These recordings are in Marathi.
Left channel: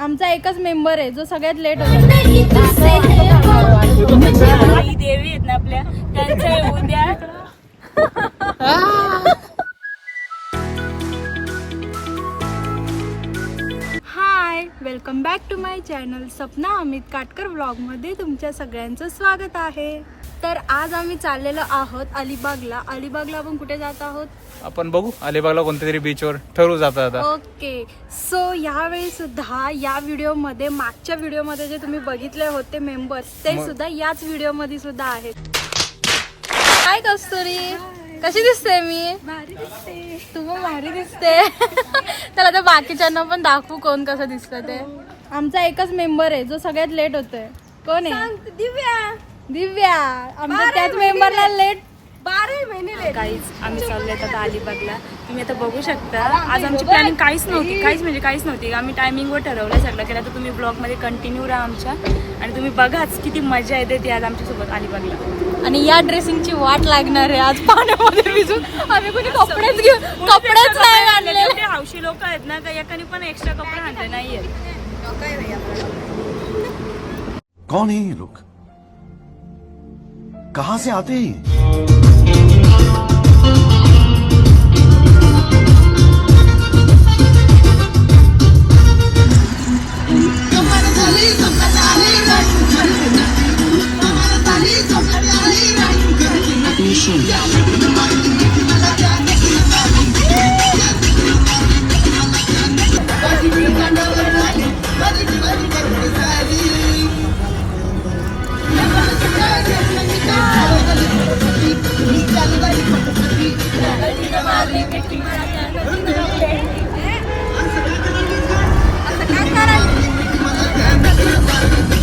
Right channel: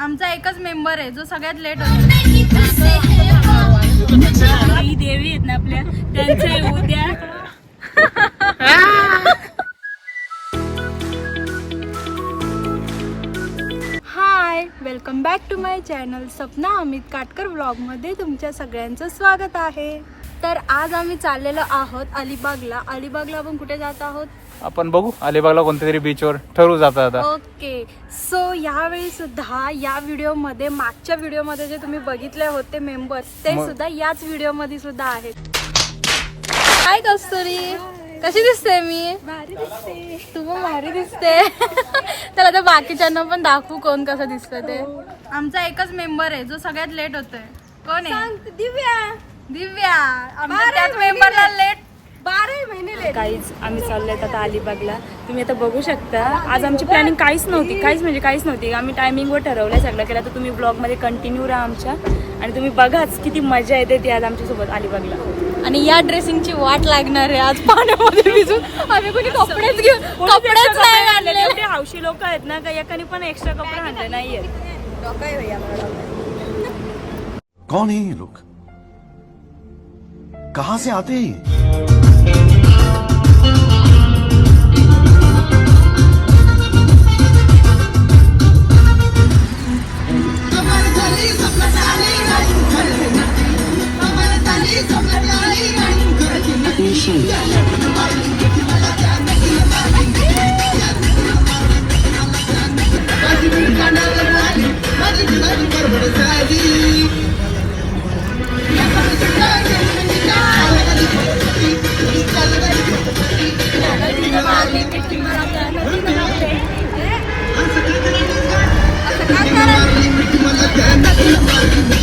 आमचा एकच मेंबर आहे जो सगळ्यात लेट होता. देवी आहेत ना आपल्या त्यांचं उद्या. Hi, welcome back to my channel Sapna Amit Katkar व्लॉगमध्ये तुमच्या सगळ्यांचं स्वागत आहे. तर आज आम्ही चाललेलो आहोत अलिबागला. अलिबागला आपण कुठे जात आहोत आपण बघू. अलिबागला कोणत्या तरी बीचवर ठरवू जाता आता. ओके. सो यावेळी सुद्धा या व्हिडिओमध्ये, मागच्या व्हिडिओमध्ये जे तुम्ही बघितले होते मेंबर्स, ते सुद्धा याच व्हिडिओमध्ये सुद्धा आहेत. काय कस्तुरी, कशी दिसते मी? भारी दिसते. तू पण भारी दिसते. तर आता बाकीच्यांना पण दाखवू कोण कसं दिसतं ते. आमचा एकच मेंबर आहे जो सगळ्यात लेट होतोय. कोण आहे? दिव्या. दिव्या आमच्या त्याच मेंबरला लेट 12 महिने लेट. काहीच आम्ही चाललोय आता अलिबागला. तुम्ही आता बघू शकता. आज आमची प्लॅनिंग काहीच नव्हती. आम्ही टायमिंगवर ठरवलं सगळं केलं. तर तुम्ही ब्लॉग मध्ये कंटिन्यू राहा आमच्या, आणि तुम्ही बघाच किती मजा येते ती आज आमच्यासोबत अलिबागला. आणि या ड्रेसिंगची वाट लागणार आहे. आज पाण्यामध्ये भिजून आम्ही कुठे कपडेच नाही आणले. ते हौशी लोक आहेत ना, का एकाने पण एक्स्ट्रा कपडे आणले नाहीये. कौन है ये लोग, कहां से आते हैं?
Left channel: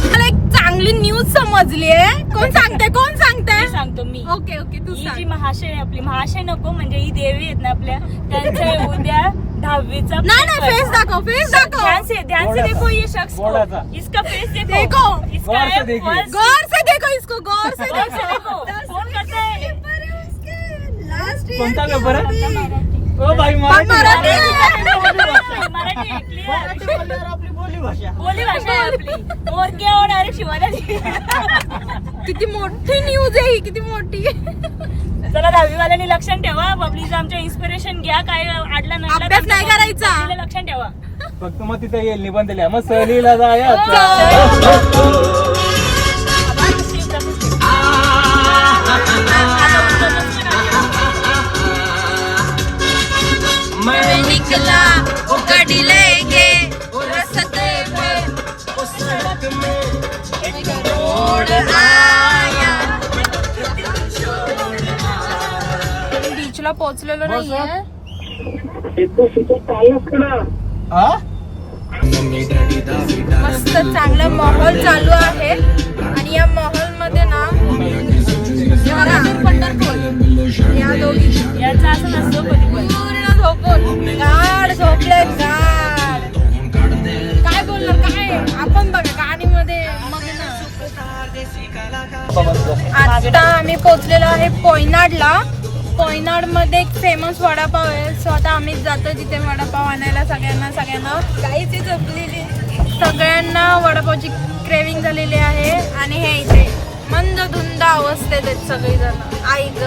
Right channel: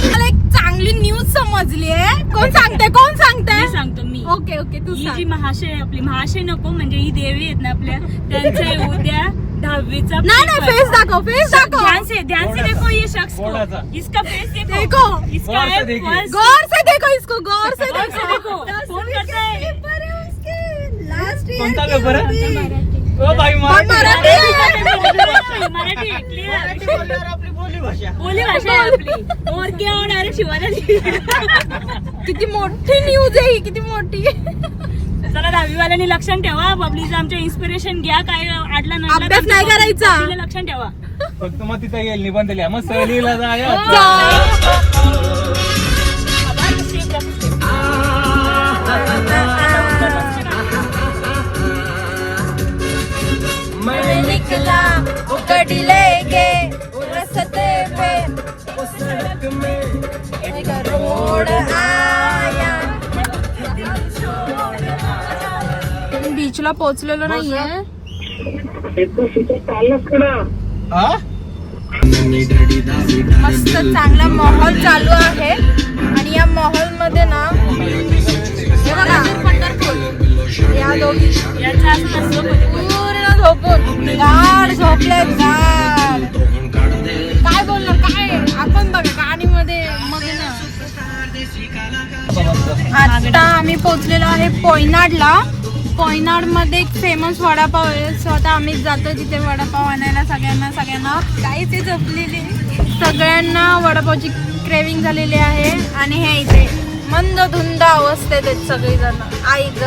मला एक चांगली न्यूज समजली आहे. कोण सांगते? सांगतो मी. ओके तू ही सांग. जी महाशय, आपली महाशय नको म्हणजे ही देवी आहेत ना आपल्या, त्यांचं उद्या 10वीचा. नाही फेस दाखव. ध्यान से देखो ये शख्स को, इसका फेस देखो. इसका है फर्स्ट. गौर से देखो इसको, गौर से देखो. कौन करता है? कोणता पेपर आहे? मराठी मराठी बोली भाषा आहे आपली. और क्या होणार आहे शिवाजी. किती मोठी न्यूज आहे ही, किती मोठी. चला 10वीवाल्यांनी लक्षात ठेवा. बबलीचं आमच्या इन्स्पिरेशन घ्या. काय अडला नाही, अभ्यास नाही करायचा. लक्षात ठेवा. फक्त मग तिथे येईल निबंध लिहा, मग सहलीला जाया. मैं निकला वो गड्डी लेके रस्ते पे उस सड़क में एक मोड़ आया. बीचला पोहोचलेलो नाहीये. मस्त चांगला माहोल चालू आहे. आणि या माहोल मध्ये ना या दोघी याचा असं नसतं. पूर्ण झोपून गाढ झोपलेत. गाढ काय बोलणार, काय आपण बघा गाडीमध्ये मग ना. आता आम्ही पोहोचलेलो आहे पोयनाडला. पोयनाड मध्ये एक फेमस वडापाव आहे. सो आता आम्हीच जातो तिथे वडापाव आणायला. सगळ्यांना काहीच झोपलेली, सगळ्यांना वडापावची क्रेविंग झालेली आहे. आणि हे इथे मंद धुंद अवस्थेत आहेत सगळेजण. आई ग,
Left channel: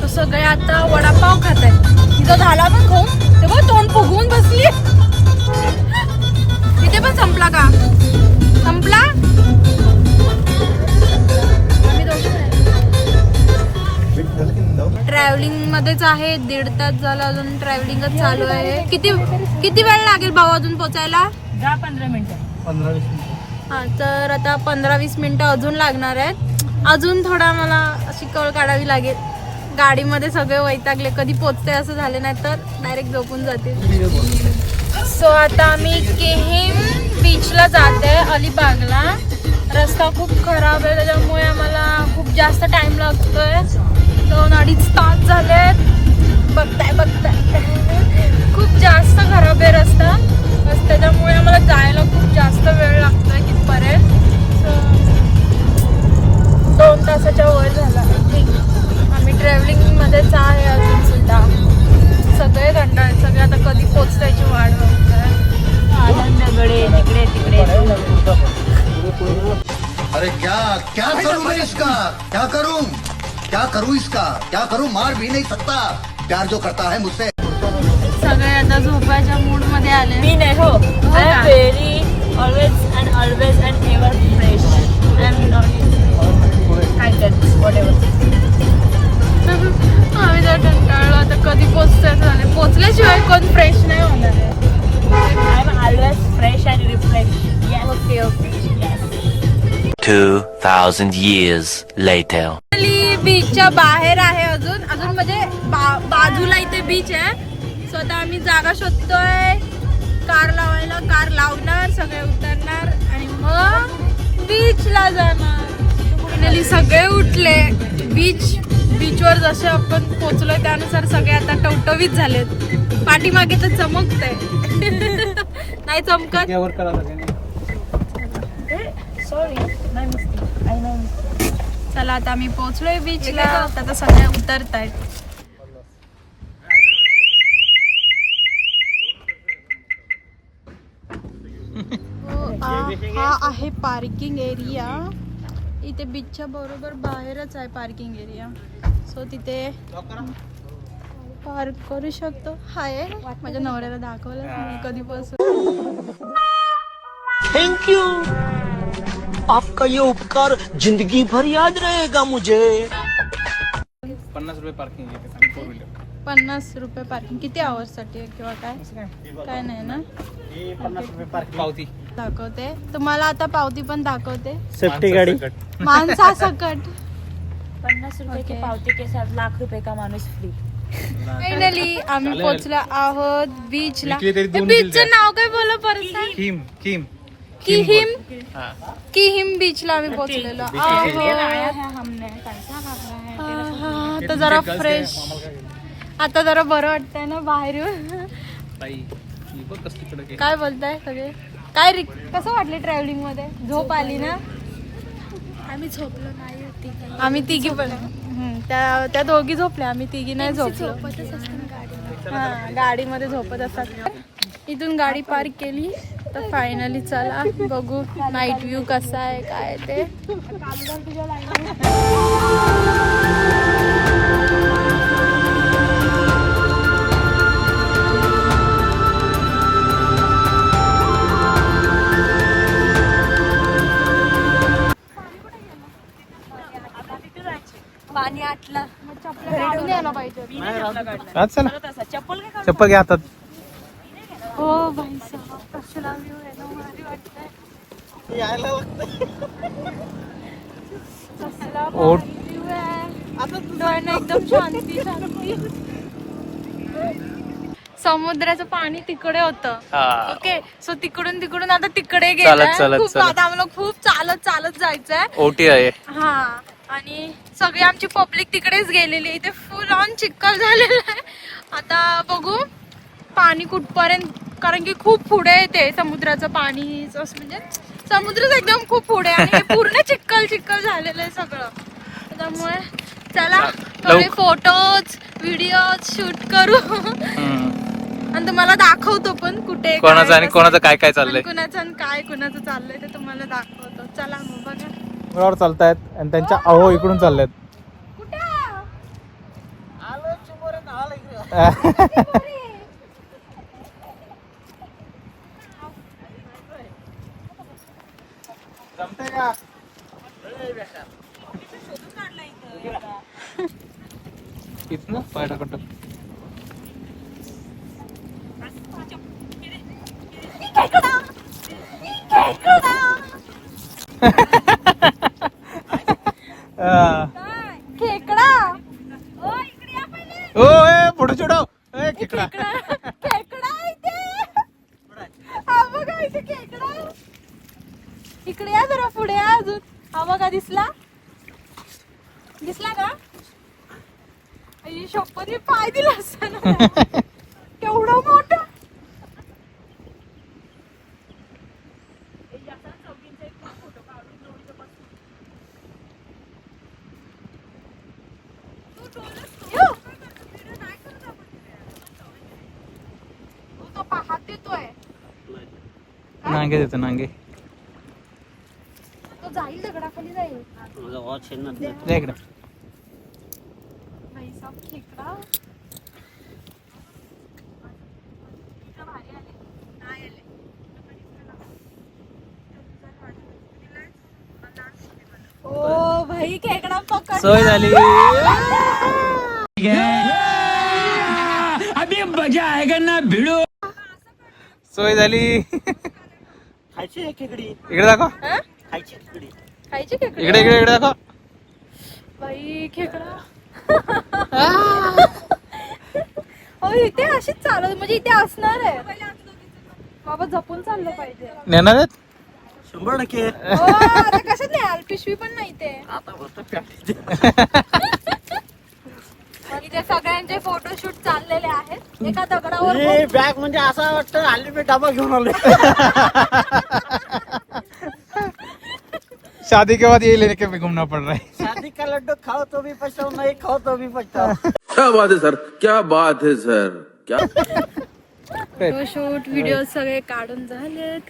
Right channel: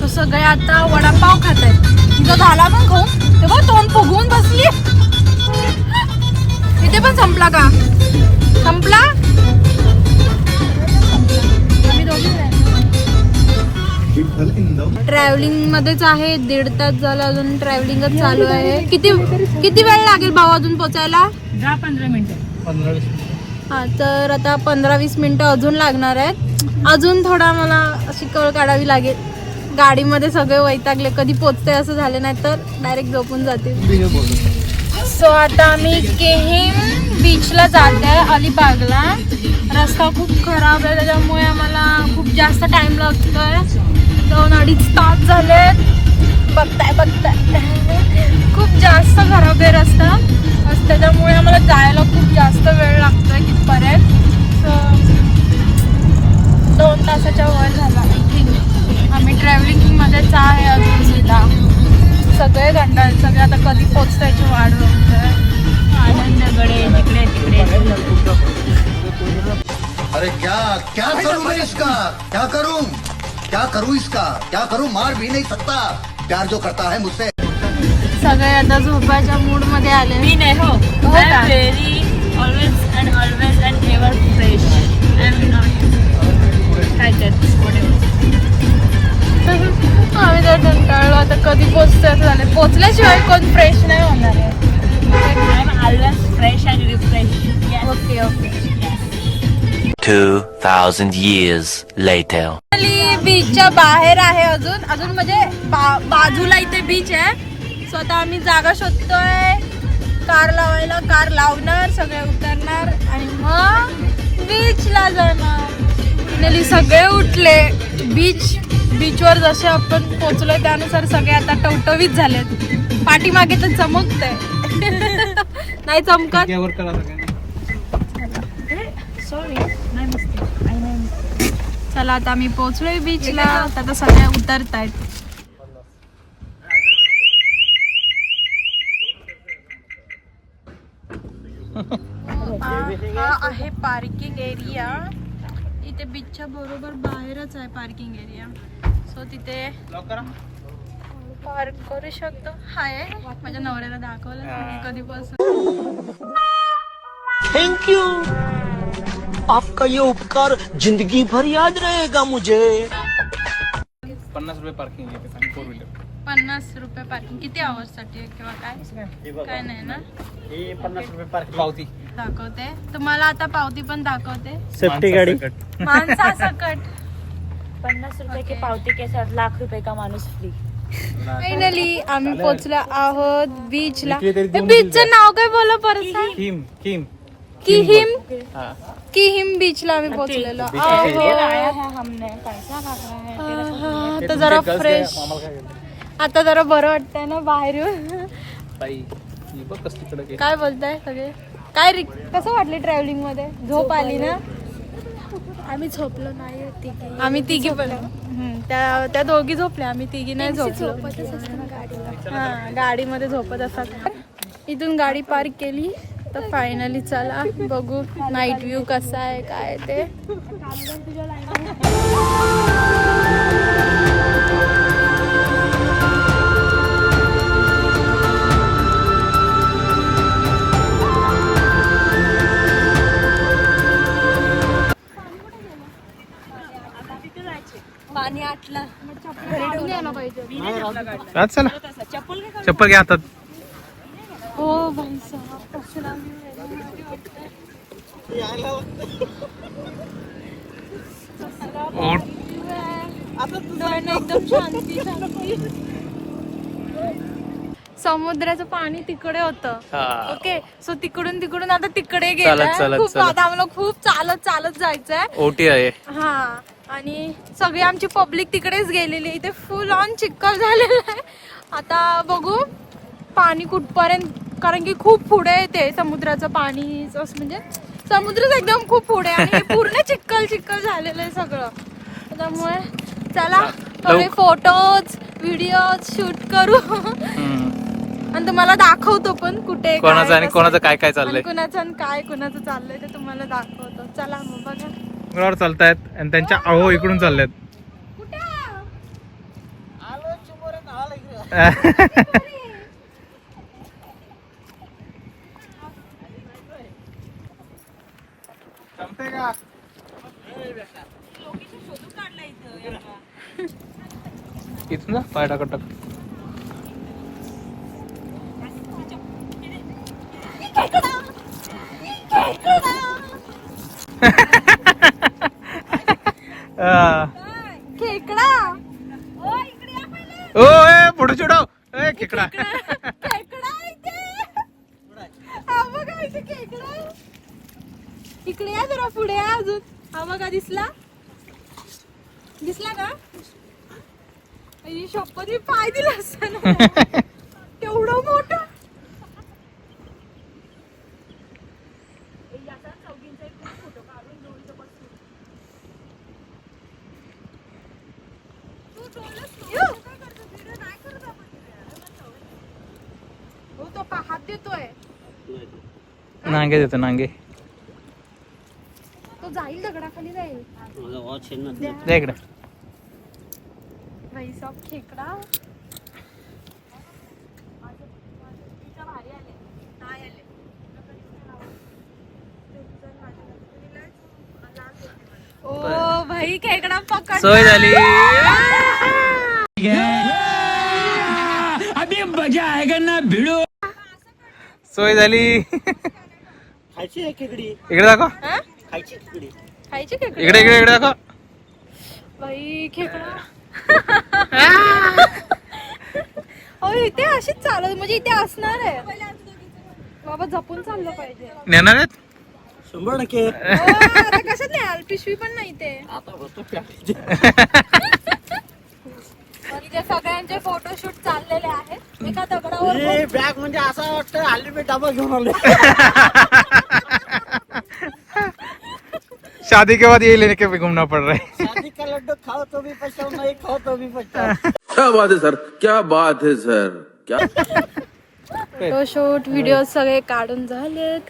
तो सगळे आता वडापाव खात आहेत. तिथं झाला पण खाऊ, तेव्हा तोंड फुगवून बसली. तिथे पण संपला का? संपला. आम्ही दोघी ट्रॅव्हलिंग मध्येच आहे. 1.5 तास झालं, अजून ट्रॅव्हलिंगच चालू आहे. किती वेळ लागेल भाऊ अजून पोचायला? 15 मिनिटं. हा, तर आता 15-20 मिनिटं अजून लागणार आहेत. अजून थोडा मला अशी कळ काढावी लागेल. गाडीमध्ये सगळे वैतागले, कधी पोचते असं झाले, नाही तर डायरेक्ट झोपून जातील. सो आता आम्ही केहिम बीचला जात आहे अलिबागला. रस्ता खूप खराब आहे, त्याच्यामुळे आम्हाला खूप जास्त टाइम लागतोय. 2-2.5 तास झालेत. बघताय खूप जास्त खराब आहे रस्ता. त्याच्यामुळे आम्हाला जायला खूप जास्त वेळ लागतोय तिथपर्यंत. सो 2 तासाच्या वर झाला. आम्ही ट्रॅव्हलिंग मध्येच आहे अजून सुद्धा. सगळे कंटाळले, सगळे आता कधी क्या करूं इसका क्या करूं मार भी नहीं सकता प्यार जो करता है मुझसे सगळे आता झोपायच्या मूड मध्ये आले. मी नाही हो I am very always and ever fresh I am not काय दॅट व्हॉटएव्हर. आम्ही तर कंटाळलो आता कधी पोचतोय असं झालं. पोचल्याशिवाय कोण फ्रेश नाही होणार आहे. I am always fresh and refresh. Okay okay. 2,000 years later. बीचच्या बाहेर आहे अजून म्हणजे बाजूला इथे बीच आहे. स्वतः आम्ही जागा शोधतोय कार लावायला. कार लावणार सगळे उतरणार आणि मग बीचला जाणार. फायनली सगळे उठले. बीचवर जसे आपण पोचलोय त्यानुसार सगळे आता टवटवीत झालेत. पाठीमागे तर चमकतंय. नाही चमकत. चला आता आम्ही पोहोचलोय बीचला. आता सगळ्या उतरतायत. हा आहे पार्किंग एरिया. इथे बीचच्या बरोबर बाहेरच आहे पार्किंग एरिया. सो तिथे पार्क करू शकतो. हाय माझ्या नवऱ्याला दाखवलं कधीपासून. थैंक यू आपका ये उपकार जिंदगी भर याद रहेगा मुझे. 50 रुपये पार्किंग आहे 4 व्हीलर. 50 रुपये पार्किंग. किती आवर्स साठी आहे किंवा काय नाही ना. पावती दाखवते तुम्हाला आता. पावती पण दाखवते. सेफ्टी गाडी माणसासकट. 50 रुपये की पावती के साथ लाख रुपये का माणूस फ्री. फायनली आम्ही पोहोचलो आहोत बीचला. इकडे तरी दोन बीचचं नाव काय बोला परत. किम किहिम बीचला आम्ही पोहोचलेलो आहोत. आता जरा फ्रेश. आता जरा बरं वाटतंय ना बाहेर येऊन. काय बोलताय सगळे. काय कसं वाटलं ट्रॅव्हलिंग मध्ये. झोप आली ना. आम्ही झोपलो नाही होती. आम्ही तिघी पण त्या दोघी झोपल्या. आम्ही तिघी नाही झोपलो. हा गाडीमध्ये झोपत असतात. इथून गाडी पार्क केली तर फायनली चला बघू नाईट व्ह्यू कसा आहे काय ते. पाणी आटलं. चप्पल घ्या हातात. हो भाई साहब कसला व्ह्यू आहे ना. भारी वाटतंय. कसला भारी व्ह्यू आहे. डोळ्यांना एकदम शांती शांती. समुद्राचं पाणी तिकडे होतं. ओके सो तिकडून आता तिकडे गेलं. खूप आता आम्हाला खूप चालत जायचंय. ओटी आहे. हा आणि सगळी आमची पब्लिक तिकडेच गेलेली. इथे फुल ऑन चिखल झालेलं आहे. आता बघू पाणी कुठपर्यंत. कारण की खूप पुढे येते समुद्राचं पाणी. म्हणजे समुद्रच एकदम खूप पुढे आणि पूर्ण चिखल झालेलं आहे सगळं. त्यामुळे चला थोडे फोटोज व्हिडिओज शूट करू आणि तुम्हाला दाखवतो पण कुठे कोणाचं आणि कोणाचं काय चाललंय. कुणाचं चाललंय ते तुम्हाला दाखवतो. चला मग बघा. डोंगरावर चालतायत आणि त्यांच्या अहो इकडून चालल्यात. जमतंय का. इथं ना पाय टाकत खेकडा. ओ पुढे छोडो. खेकडा इकडे या जरा पुढे या अजून. हा बघा दिसला का. शपथ मी पाय दिला असता तेवढं मोठं. तो पाहत देतोय. नांगे देतो नांगे. तो जाईल दगडाखाली जाईल. दे इकडे. वैसाप खेकडा. ओ भाई खेकडा पकड. सोय झाली. सोय झाली. खायची आहे खेकडी, इकडे दाखव. खायची खेकडी. खायची खेकडा. इकडे इकडे इकडे दाखव. बाई खेकडा. हो इथे अशीच चालत म्हणजे इथे असणार आहे. बाबा जपून चाललं पाहिजे. नेणार आहेत 100%. अरे कशात नाही पिशवी पण नाही ते. इथे सगळ्यांचे फोटोशूट चाललेले आहेत. एका दगडावर बॅग म्हणजे असं वाटतं हल्ली मी डबा घेऊन आलो. शादी के बाद ये लेने के भी घूमना पड़ रहा है. शादी का लड्डू खाओ तो भी पछताओ, नहीं खाओ तो भी पछताओ. क्या बात है सर, क्या बात है सर, क्या फोटोशूट व्हिडिओ सगळे काढून झालेत.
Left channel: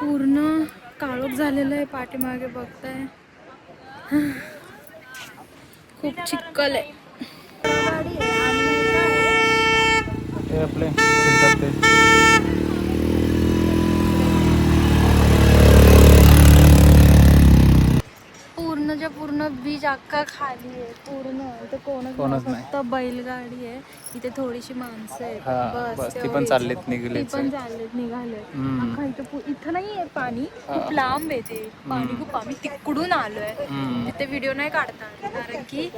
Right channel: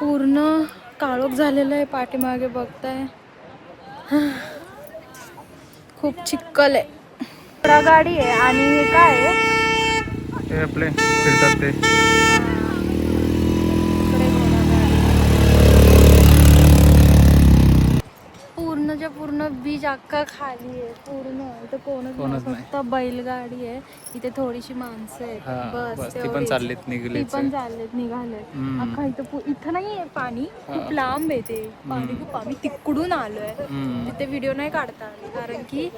पूर्ण काळोख झालेलं आहे पाठीमागे बघताय. खूप चिक्कल आहे. गाडी आहे आणि हे काय आहे ते आपले फिरतात ते. पूर्णच्या पूर्ण बीच अख्खा खाली आहे. पूर्ण इथं कोणच नाही. फक्त बैलगाडी आहे. इथे थोडीशी माणसं आहेत. हा, बस ती पण तेवढीच. चाललीत ती निघलेच. पण चाललेत निघाले. हम्म. अख्खा इथं नाही आहे पाणी. खूप लांब आहे ते पाणी. खूप आम्ही तिकडून आलोय. हम्म. तिथे व्हिडिओ नाही काढता आले कारण की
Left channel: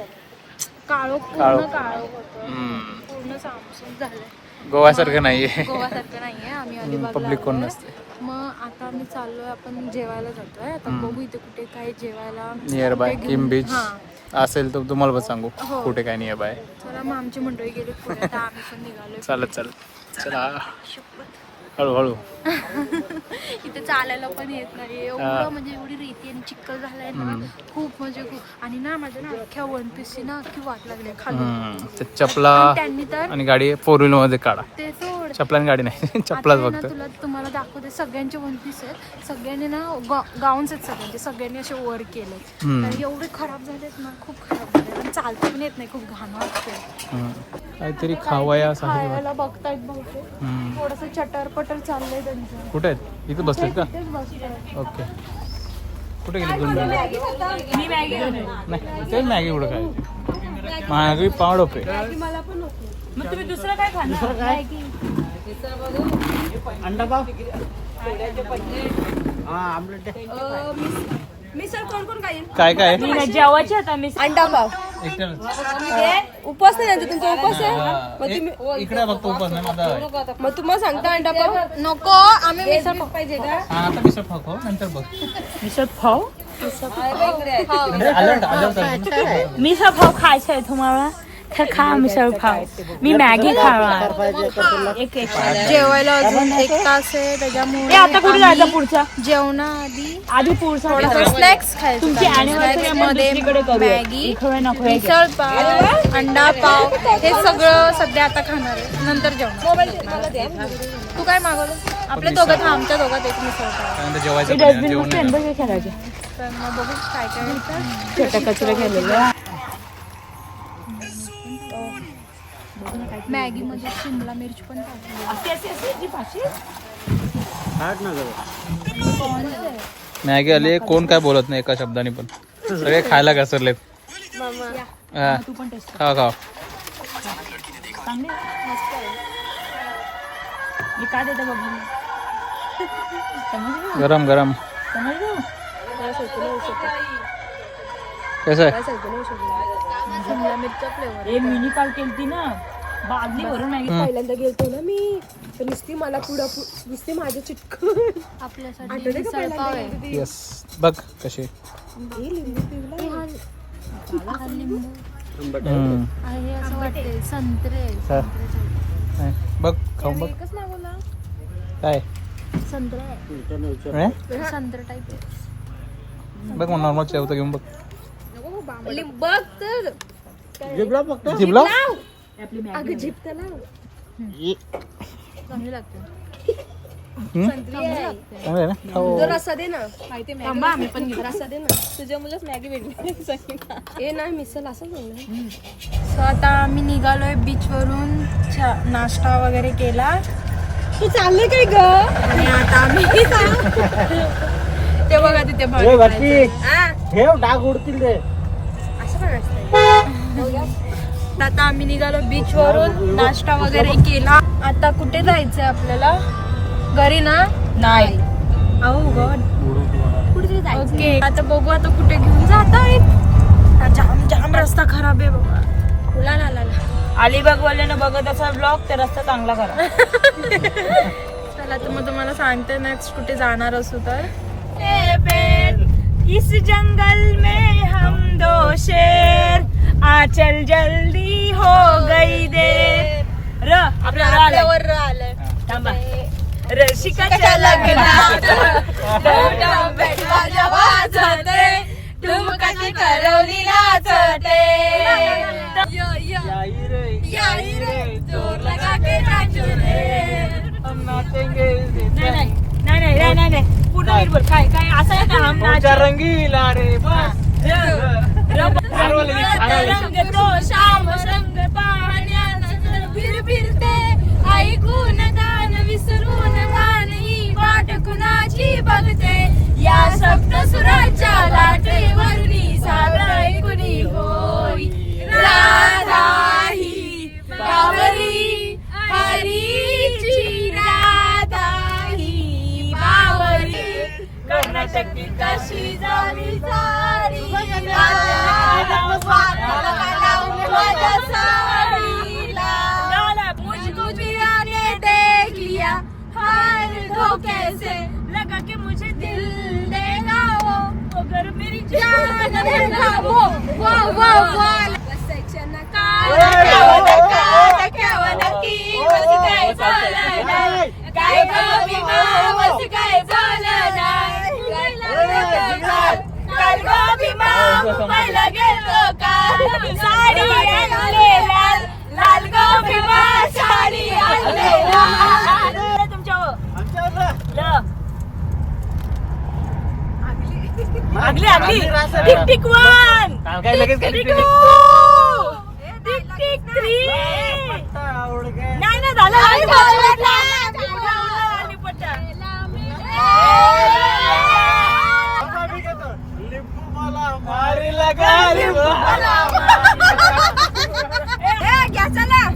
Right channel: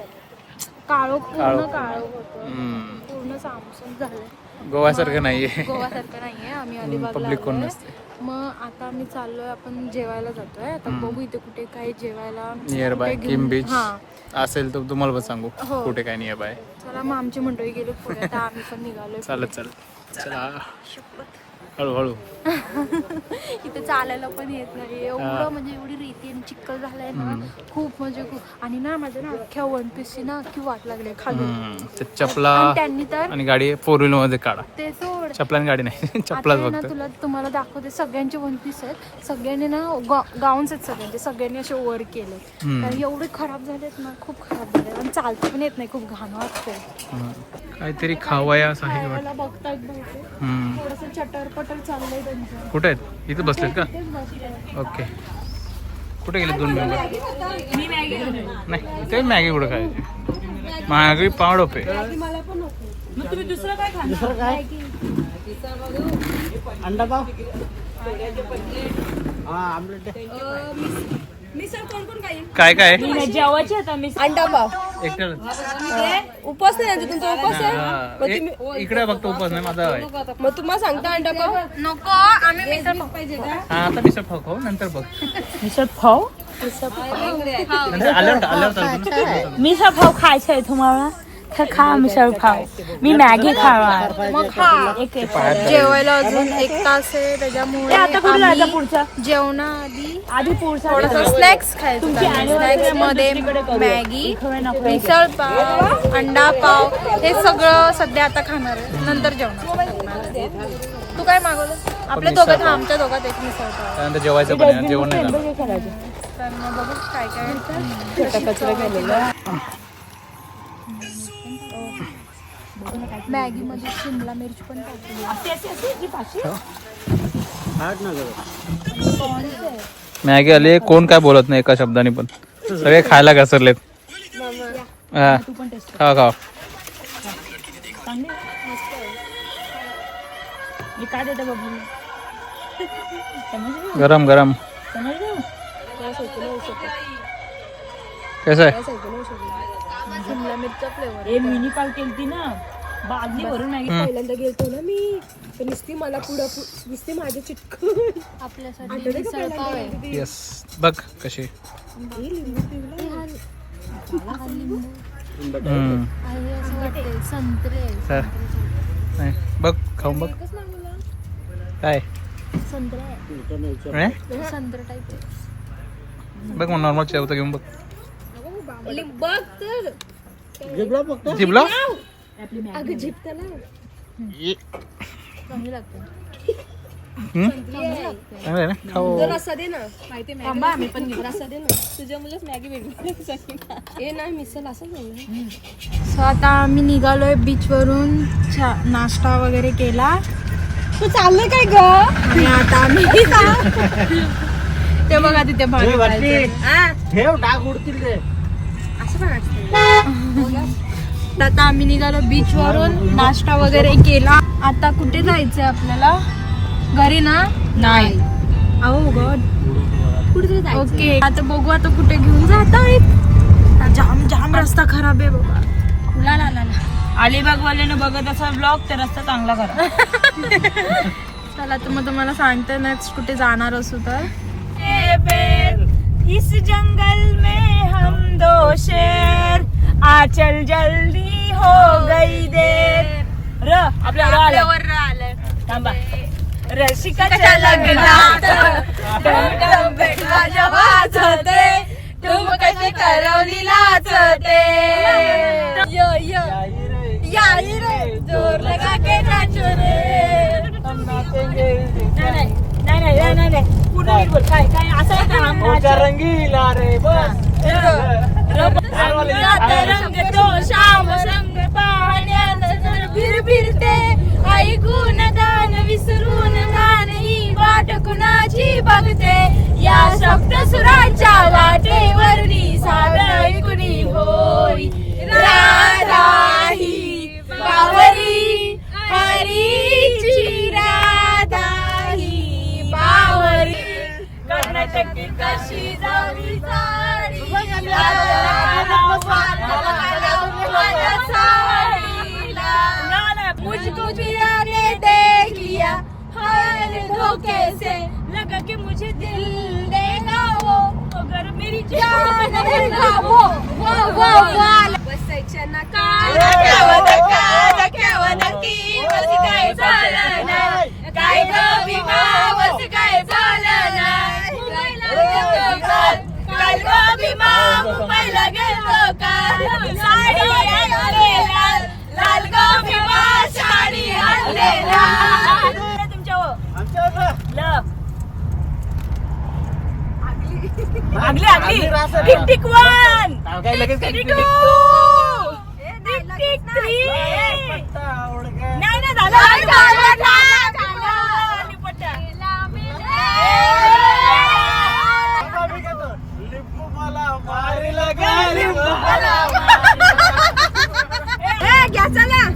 काळोख पूर्ण काळोख. काळोख होतं. हम्म. पूर्ण सामसूम झालंय. गोव्यासारखं नाहीये. गोवासारखं नाहीये. आम्ही अलिबागला पब्लिक कोण आलोय. नसते. मग आता आम्ही चाललोय. आपण जेवायला जातोय. आता बघू इथे कुठे काय जेवायला नियर बाय किम बीच हा. असेल तर तुम्हाला पण सांगू हो. कुठे काय नियर बाय. चला मग आमची मंडळी गेलो पुढे. आता आम्ही पण निघालो. चालत चला हळूहळू. इथे चालायला पण येत नाही. एवढं म्हणजे एवढी रेती आणि चिक्कल झालाय ना. खूप म्हणजे खूप. आणि ना माझ्या ना अख्ख्या वन पीसची ना अख्खी वाट लागली खाली. ते चपला आणि त्यांनी तर आणि गाडी 4 व्हीलर मध्ये काढा. ते सोड. चपला गाडी नाही चपलाच आता ना फक्त. तुम्हाला दाखवते. सगळ्यांचे वन पीस आहेत. सगळ्यांनी ना गाऊन्स आहेत सगळ्यांचे. सगळ्यांनी असे वर केले. कारण एवढे खराब झालेत ना. खूप खराब झाले. आणि चालता पण येत नाही. खूप घाण वाटतंय. काहीतरी खावायास आहे. खायला बघतायत बहुतेक. थोडस चटर पटर चाललंय त्यांचं. कुठे आहेत इथे बसलेत का? तेच बसतोय. ओके. कुठे गेले 2 मिनिटं? नाही ते मॅगी कुठं खायची. महागडी पाव रुपये. मग तुम्ही दुसरं काय खाणार? अंडा पाव. हा आमलेट. काय काय जेवायचे आता मी अंडा पाव. उपास नाही तुमचा उपास आहे. इकडे फक्त उपास नाही माझा आहे. मग तुम्हाला सांगता अंडा पाव नको. आम्ही मिसळ पाव पाहिजे का? आता मिसळ खातो नंतर बघ. मिसळ पाव. मिसळ पाव खायचं आहे तुम्हाला तर खा मिसळ पाव. मी मॅगी खाणार. जेवायला अजून 1 तास आहे. त्याच्यामुळे आम्ही जेवणाआधी थोडासा स्नॅक्स खायचं. स्नॅक्स मध्ये मॅगी, मिसळ पाव, अंडा पाव हे सगळं सध्या आता खाणार आहे. नंतर जेवणार. तू काय मागवलं? आपल्या दोघात आमच्या दोघात एक मिसळ पाव. त्यानंतर जेवायचं पण आहे. जेवण नाही झालं. तर मग बघू काय काय मॅगी मध्ये शिमला मिरची पण टाकली. मॅगी आली. कोण काय बोलत नाही एका शब्दाने पण. सगळे खायला घसरलेत. हा खावा खावा. काय देते बघू. गरम गरम. कैसा आहे? शिमला मिरच्या फ्लेवर. ए मिनी काल केलती ना बादली भरून नाही. पहिल्यांदा गेलतो ना मी तर नुसती मला पुढं नुसती माझ्या चिटकून आपल्यासाठी मिसळ पाव आहे. येस बघ कशी. हा लिंबू आहे असं वाटते. संत्रे नाही बघ खाऊन बघ एकच मागवला. काय संत्रा आहे. आहे? संत्रा टाईप आहे. बघ मग नॉर्मल चेवतं घेऊन बघ. बघ तर जिबला अगं झिप त्याला चांगली लागते. चांगलं आहे ना खाऊ. रस्सा दे ना थांबा आम्ही पण घेऊ. रस्सा दे ना तुझ्या मुलाच मॅगी भेटली हे नाही मिसल असं बोललं. सो आता आम्ही निघालोय बीच वरून नाश्ता वगैरे केला तू चालले काय ग आणि आता आम्ही ते बघा तिथे मागे जायचंय. असं पण असतं. आता आम्ही निघालो बीच वरून नाश्ता वगैरे केला. आता कुठे जायचंय आपल्याला घरी ना नाही अहो गॉड कुठे जायचं ओके आता बघू आता कुठे घेऊन जात आहेत. जाम जाम रस्ता खराब आहे बाबा. ला ला ला ला. अलिबाग वाल्यानं बघत असा ब्लॉग तर रस्ता चांगला करा. चला तर मग तुम्हाला सांगते नेक्स्ट कुठे जाणार असू तर. इस जंगल में हम दो शेर आ चल जल्दी हो गई देर आपल्यावर आलंय. थांबा रसिकाच्या लग्नात माझ्या वाजते तुम कसे करवली नाचते याई रे जोर लगा के नाचो रे. नाही पूर्ण नीट बोल. काय काय असं आहे का हम नाच रंगीला रे बस रंग तो श्याम रंग पाहण्यात फिरते ऐकून गान विसरून गाणही वाट कुणाची बघते या सप्तसुराच्या लाटेवरली सारा ऐकुनी होई राधा ही बावरी हरीची राधा ही बावरी कर्नाटकी कशी जावी साडी मुझको पिया ने देख लिया हर धोखे से लगा कि मुझे दिल देगा वो अगर मेरी जान देगा वो बसायच्या ना काय झालं नाही काय ग विमा वस काय झालं नाही काल ग विमा मुंबईला गेलो काल साडी आणले लाल लाल ग विमा साडी आणले लाल तुमच्या आगली आगली टिक टिक वन काय लगेच काय टिक टिक थ्री नाही ना झालं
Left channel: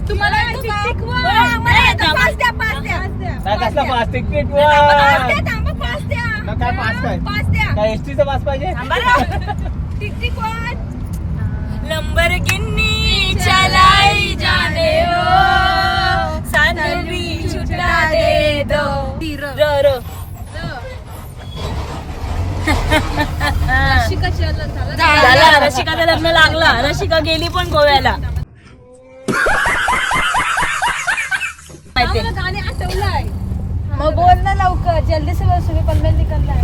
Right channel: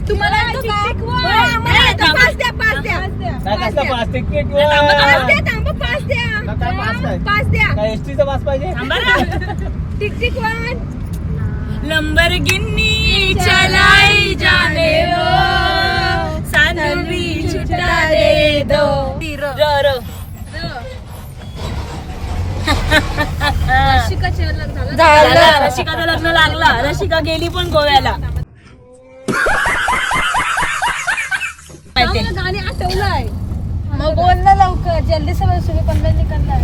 तुम्हाला पाच द्या टिक वन लंबरगिनी चलाई जाने हो सांडवी छुटा दे दो झालं नशिकाचं लग्न लागला नशिका गेली पण गोव्याला गाणी आठवलंय मग बोल ना लवकर जल्दी से बस सुबह 15 निकलना है.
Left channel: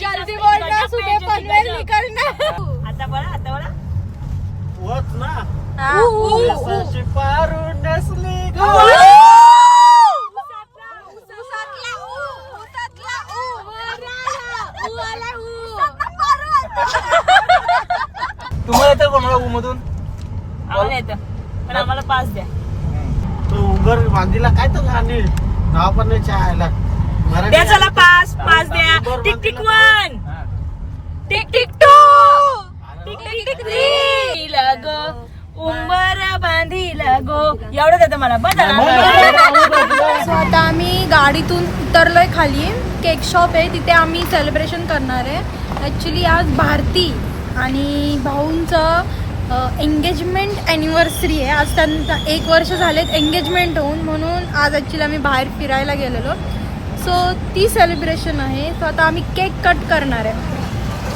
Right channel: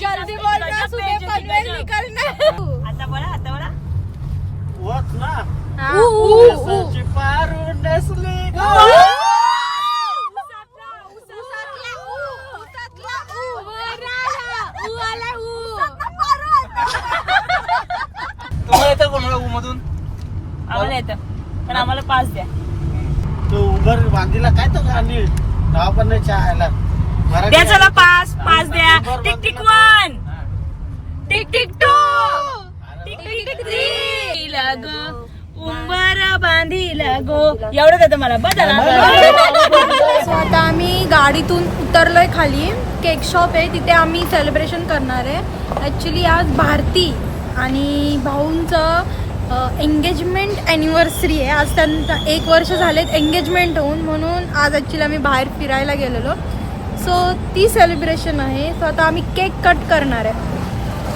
जल्दी बोलना सुबह 15 निकलना. आता बोला वच ना हाँ. सची पारू नसली तुम्हाला येतं कोणाला मधून आम्हाला येतं पण आम्हाला पास द्या. तो उबर बांधीला काय तो गाणी नाव पण नाही चहायला द्या चला पास द्या. Tick tick one tick tick two tick tick tick three लगो उंबर बांधी लगो एवढंच येतं मला बस झाला. सो आता आम्ही गाडीतून उतरलोय खाली. केक शॉप आहे तिथे आम्ही सेलिब्रेशन करणार आहे. ॲक्च्युली आज भारती आणि भाऊंचं एंगेजमेंट ॲनिव्हर्सरी आहे. आज त्यांचा 1 वर्ष झालेत एंगेजमेंट होऊन, म्हणून आज ॲक्च्युली आम्ही बाहेर फिरायला गेलेलो. सो ती सेलिब्रेशन आहे. सो आता आम्ही केक कट करणार आहे.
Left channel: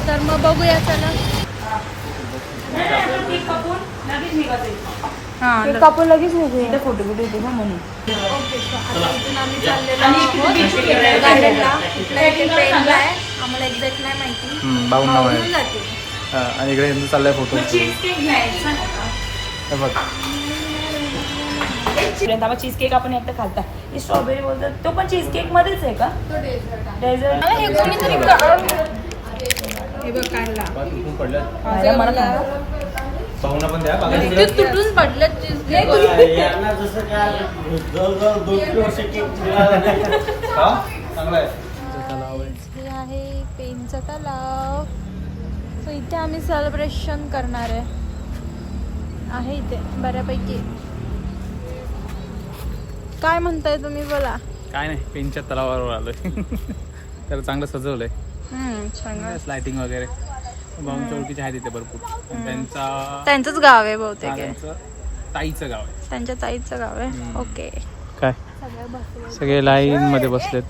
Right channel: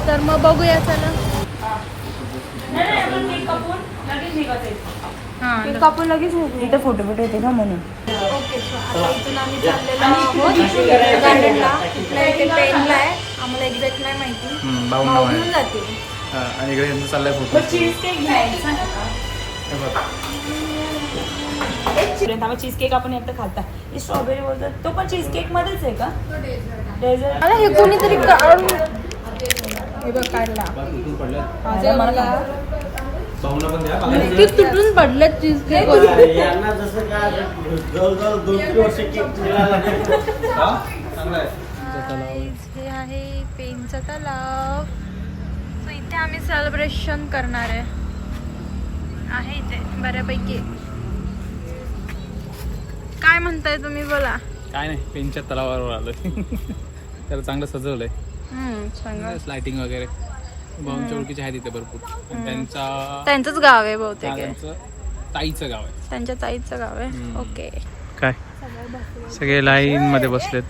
तर मग बघूया चला. हां कापून लगेच निघू. ओके सो आता इथून आम्ही चाललेलो आहोत गार्डनला. इथल्या इथे ट्रेनला आहे. आम्हाला एक्झॅक्ट नाही माहिती. बावन्न भाऊ घेऊन जातील. आणि इकडे चाललाय फोटो चीज केक घ्यायचा बघ चीज केक आपण एकदा खालता हे स्ट्रॉबेरी बोलतात तो पण चीज केक मध्येच आहे का डेझर्ट मला हे कोणीतरी हे बघ काढला ते तुटून पडलं चीज केक. हे आहे पेनचा तलाव. सो इथे आम्ही सेलिब्रेशन करणार आहे इथे बऱ्यापैकी. काय म्हणताय तुम्ही बोला. काय नाही पेनच्या तलावावर आलोय. त्याला चांगलं सजवलंय. सांगा. लाइटिंग वगैरे भाऊंच्या ओळखीचे आहेत इथे भरपूर. आणि त्यांचंच गाव आहे बहुतेक. त्यांचं ताईचं गाव आहे. त्यांच्या ताईचं गाव आहे. ओके. काय सगळे लाईन मध्ये बसलेत.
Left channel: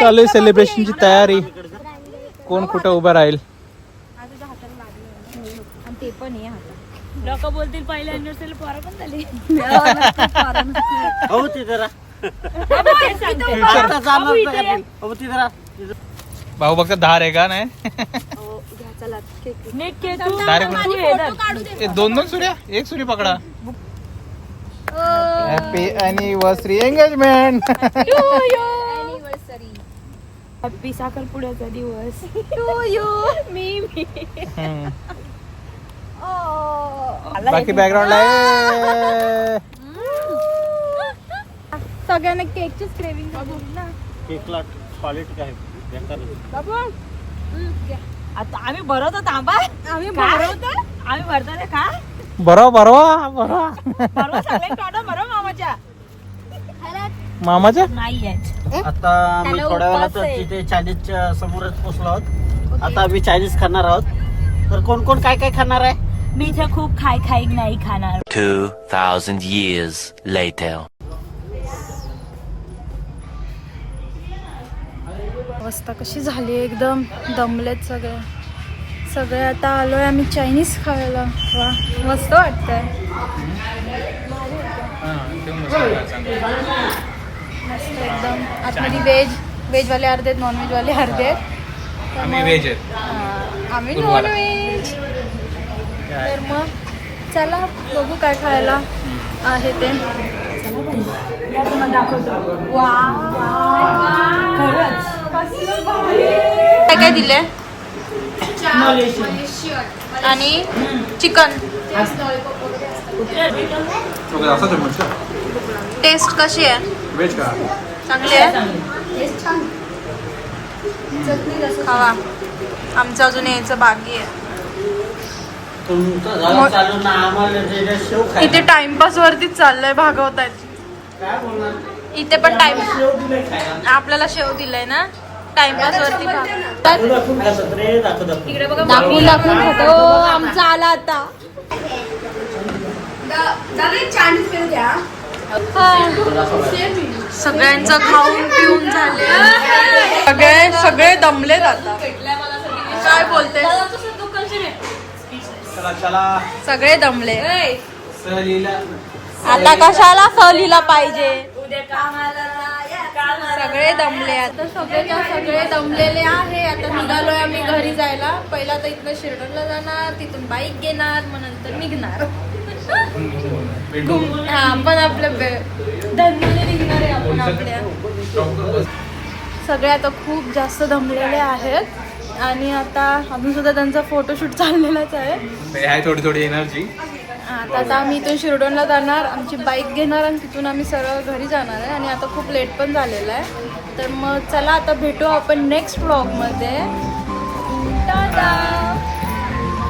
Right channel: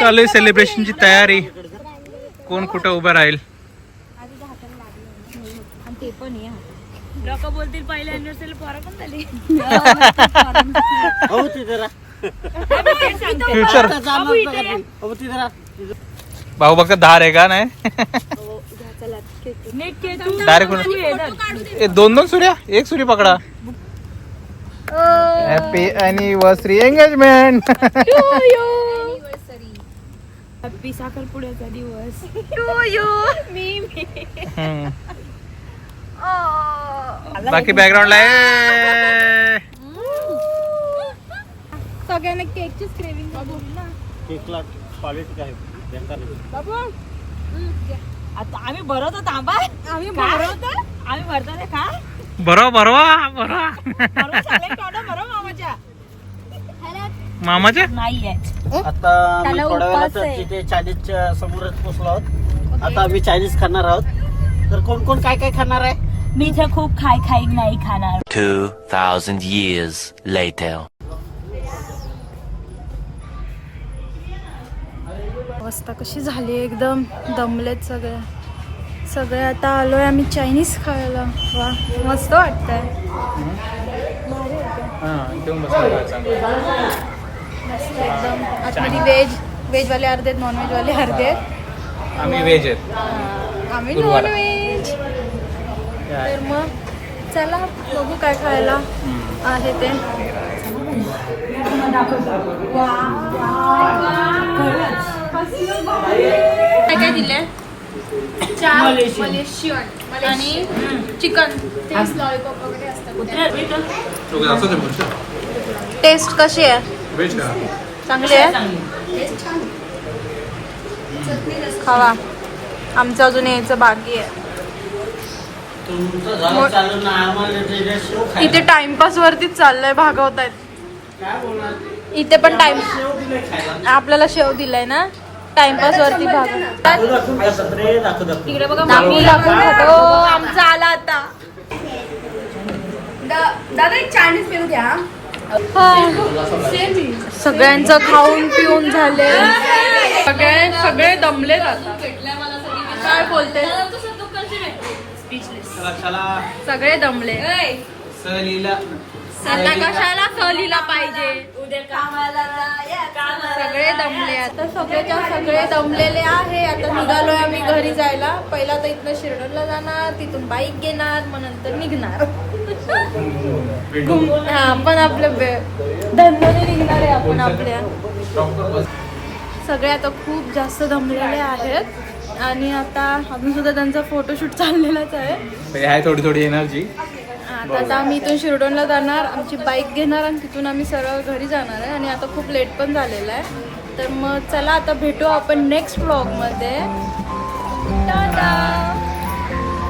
चालू आहे सेलिब्रेशनची तयारी. कोण कुठं उभं राहील. ते पण लोक बोलतील पहिल्या अॅनिव्हर्सरी पोरा पण झाली फ्युचर भाऊ बघता धार आहे का नाही. डायरेक्ट दोन सूर्या एक सूर्य पकडा. Happy anniversary engagement. हॅपी साखरपुड्याचा दिवस. बाकी बॅकग्राऊंडला आहे. सगळ्यांना केकचीच क्रेविंग ना. केकला क्वालिटी काय आता आम्ही भरवतो थांबा. आम्ही भरतो रे का बरोबर मामाच्या नाहीये. आता आम्ही थोड्या वेळात तिथे चायनीजच्या समोरच पोहोचलो आहोत. आता आम्ही चायनीज खाणार आहोत. तर कोण कोण काय काय खाणार आहे. मी इथे खूप खाई नाही खाणार. 2,000 years later. अवस्था कशी झाली एकदम दमलेत सगळे आता आलोय आम्ही चायनीज खायला. वा मस्त वाटतंय. मस्त एकदम. आतमध्ये व्हेजवाले अर्धे आहेत नॉनव्हेजवाले अर्धे आहेत. आम्ही व्हेज आहेत. आम्ही नॉनव्हेज. तर मग चला बघू काय खायला आहे ते. काय काय दिले. आणि चिकन. टेस्ट कशी आहे. चांगली आहे. खावा. आमचं अजून यायचं बाकी आहे. इथे टाइमपास वरतीच चाललंय. भागवतायत इथे पण. टाइम आपल्याला शेव दिलाय ना. टाइमपास वरती इकडे बघा. आमचा आला आता. दादा एक चायनीज पिऊ द्या. सगळ्यांचं खाऊन पिऊन झाले. सगळे दमलेत आता. काय बोलते. सगळे दमले. आता कशाला सहलीला पाहिजे. सगळे दमले आता. सगळे दमलेले आहे. आता निघालोय आम्ही घरी जायला. पहिला तर इथनं शिर्डनला जाणार. तिथून बाईक घेणार. मग नंतर निघणार. आपण आपल्या धंद्याने निघणार आहे आपण आपल्या. सगळे आता खूप जास्त दमलेले आहेत. आणि आता अजून सुद्धा त्यांचा फोटोशूट चाललेलाच आहे. थोडी एनर्जी. आता आम्ही इथून शिरडोनला जाणार. आमची बाईक घेणार आणि तिथून आम्ही सरळ घरी जाणार आहे. आणि आता खूप लेट पण झालेला आहे. तर मग चला आता भेटू आपण नेक्स्ट व्लॉगमध्ये. टाटा.